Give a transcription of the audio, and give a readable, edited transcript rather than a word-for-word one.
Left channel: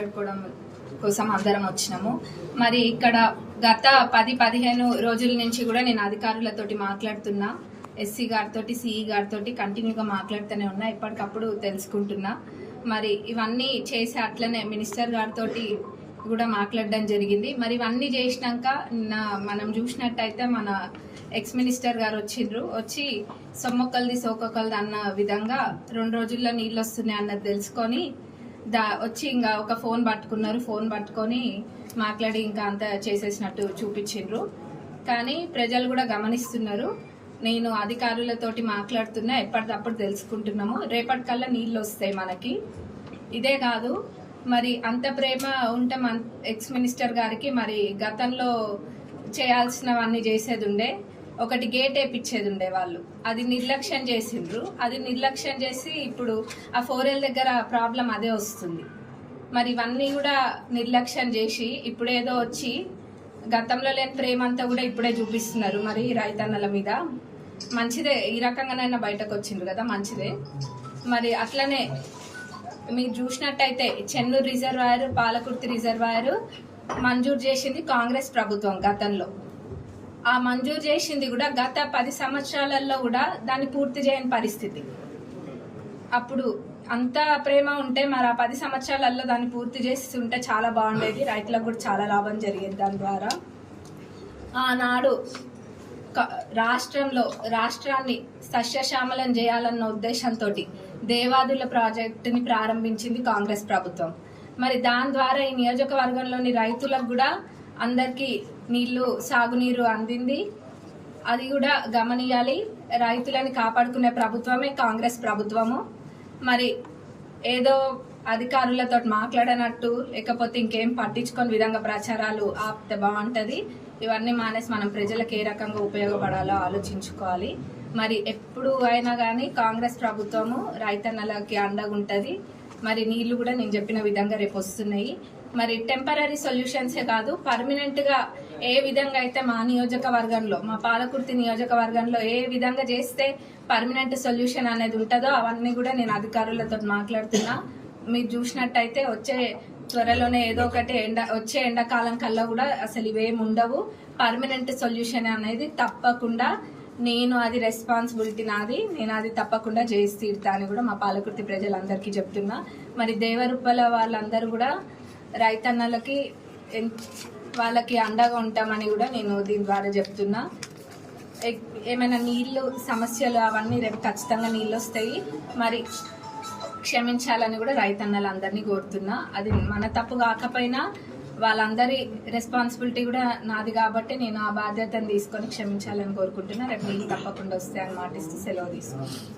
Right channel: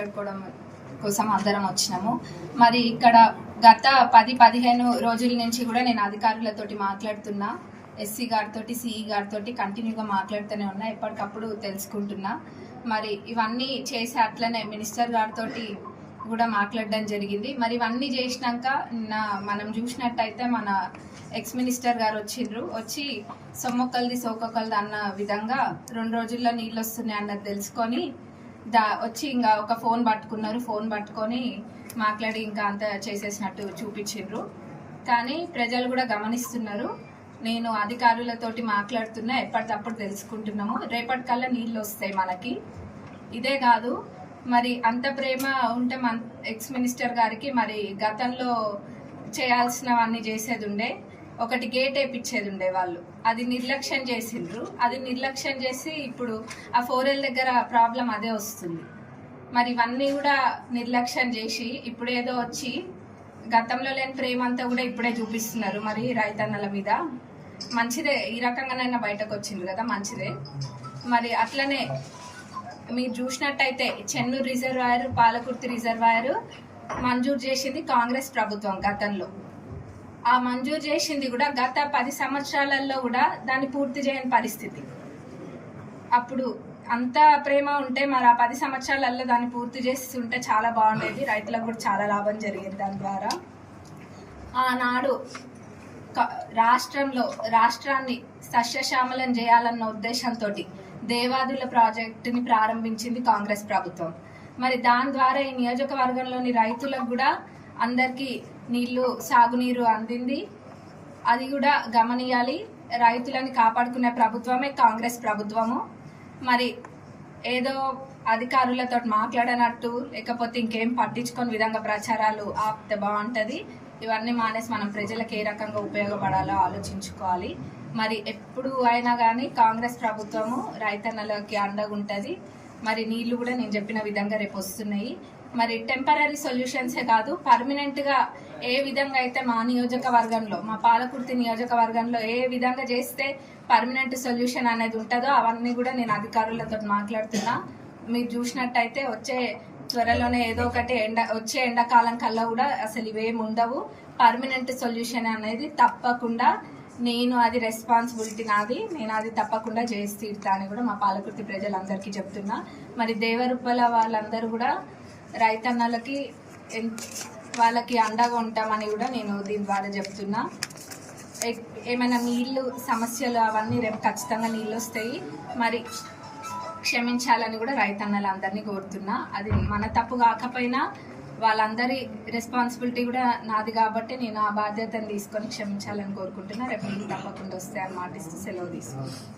మాట్లాడుకోవడం కోసం అందరం వచ్చినాము. మరి ఇక్కడ గత 10-15 రోజుల నుంచి కూడా నేను అధికారులతోటి మాట్లాడుతున్నా, ఎస్సీ గారితో సిఈ గారితో కంటిన్యూగా మాట్లాడుతూనే ఉన్నా, ఎప్పటికప్పుడు తెలుసుకుంటున్నా. మరి ఇవన్నీ చేసి అట్లనే మినిస్టర్ గారితో కూడా మాట్లాడడం జరిగింది. మరి ఇవన్నీ చేసినాక మనం చూసినట్టయితే మన ఎక్స్ మినిస్టర్ గారు వచ్చి సొమ్మొక్కలది సోకొక్కలది అన్న విధంగా 2 రోజుల్లో నీళ్ళు వస్తున్నాయి అన్నది తెలుసుకొని వచ్చి ఇంకా ఒక ఫోన్ పట్టుకొని మాట్లాడి ఇంకా అంత చేసేసినట్టు చూపించిండ్రు. కానీ ప్రజలు కూడా గమనిస్తున్నారు. నేను అధికారులతోటి మాట్లాడుతున్నా, ఎప్పటికప్పుడు తెలుసుకుంటున్నాము. రేపటికల్లా నీళ్ళు వస్తాయి మనకి. ఇదే కాదు, మరి అంత ప్రేమ ఉంటే మన ఎక్స్ మినిస్టర్ గారికి మరి గతంలో చేయాల్సినవన్నీ చేసేది ఉండే. ఒకటి గేట్ వేయించేది ఉండే, వాళ్ళు అది నిర్లక్ష్యం చేసిండ్రు. అది నిర్లక్ష్యం చేసి ఇప్పుడు ఆ 4L దగ్గర ప్రాబ్లం అదే వస్తుంది. మరి ఇవన్నీ కూడా నిర్లక్ష్యం చేసి ఇప్పుడేదో వచ్చి గతంలో లేని ప్రేమ అంతా కూడా ఇప్పుడే చూపిస్తున్నారు. మరి రైతన్నల మీద మంచిదే, ఈ రకంగానైనా బయటకు వచ్చిండ్రు కదా, మంచిదే. మరి అట్లనే మీరు చూసినట్టయితే చెన్నూరు రిజర్వాయర్, పాలకుర్తి రిజర్వాయర్ మంజూరు చేసింది కాంగ్రెస్ ప్రభుత్వం గతంలో. ఆ మంజూరు చేసింది కూడా గత 10 సంవత్సరాలలో కూడా దాన్ని పూర్తి చేయని పరిస్థితి. అప్పుడు అంత ప్రేమ ఉంటే మరి ఆ 10 సంవత్సరాలలో దాన్ని పూర్తి చేసి ఉంటే చాలా బాగుండేది, రైతులకు కూడా చాలా లాభం జరిగేది దాని ద్వారా. ఆనాడు రాష్ట్రాన్ని సస్యశ్యామలం చేయాలన్న ఉద్దేశంతో దేవాదుల ప్రాజెక్టుని ప్రారంభించింది కాంగ్రెస్ ప్రభుత్వం. మరి దాని ద్వారా ఈ నియోజకవర్గంలోని రైతులకు కూడా అందరికీ సాగునీరు అందింది. అది కూడా గమనియాలి. రైతులని కాపాడుకునే ప్రభుత్వమే కాంగ్రెస్ ప్రభుత్వము. మరి ఏదో అధికారులతో మాట్లాడనట్టు లేకపోతే ఇంకేం పట్టించుకొని విధంగా ప్రచారాలు ఆపితే బాగుంటుంది. ఇవన్నీ మానేసి మనం ప్రజలకు ఏ రకంగా ఉపయోగపడాలో ఆలోచించుకోవాలి. మరి ఎప్పుడు అయినా కానీ కాంగ్రెస్ ప్రభుత్వము రైతన్నలకి అండగా ఉంటుంది. మరి నీళ్లు కూడా నేను చెప్పిన విధంగా రేపు వస్తున్నాయి. మరి టెంపరీ సొల్యూషన్సే కాదు, పర్మనెంట్గా ఏ విధంగా అయితే మా నియోజకవర్గంలో, మా పాలకుర్తి నియోజకవర్గంలో ఏ విధంగా చేస్తే పర్మనెంట్ సొల్యూషన్ అనేది ఉంటుందో అవన్నీ కూడా నేను అధికారులతో మాట్లాడుతున్నా. మీరు చూసినట్టయితే త్వరలోనే ఏదో ఒకటి వచ్చే ఎండాకాలం కల్లా కూడా అసలు ఇవేమి ఉండవు. పర్మనెంట్ సొల్యూషన్ అనేది తప్పకుండా నేను అది రెస్పాన్సిబిలిటీ నాది, నేను అది తప్పకుండా చేసి తీరుతా అని కూడా మా పాలకుర్తి ప్రజలందరికీ చెప్తున్నా. మరి దేవరుప్పల వాళ్ళందరూ కూడా రైతన్నలకి వాళ్ళకి అండగా ఉంటామని కూడా నేను దీని ద్వారా చెప్తున్నా. ఏమైనా నీళ్ళు సమస్యలు అవన్నీ రేపు ఖచ్చితంగా నీళ్ళు వస్తాయి. మరి క్షమించాలని కూడా రైతన్నలందరినీ కోరుతున్నా. అది మన తప్పు కాకపోయినా వాళ్ళందరి రెస్పాన్సిబిలిటీ కూడా నాది కాబట్టి నేను ఆ బాధ్యతను తీసుకొని క్షమించాలని కోరుకుంటున్నా. రేపు నీళ్ళు తప్పకుండా వస్తాయని మాటిస్తూ సెలవు తీసుకుంటాను.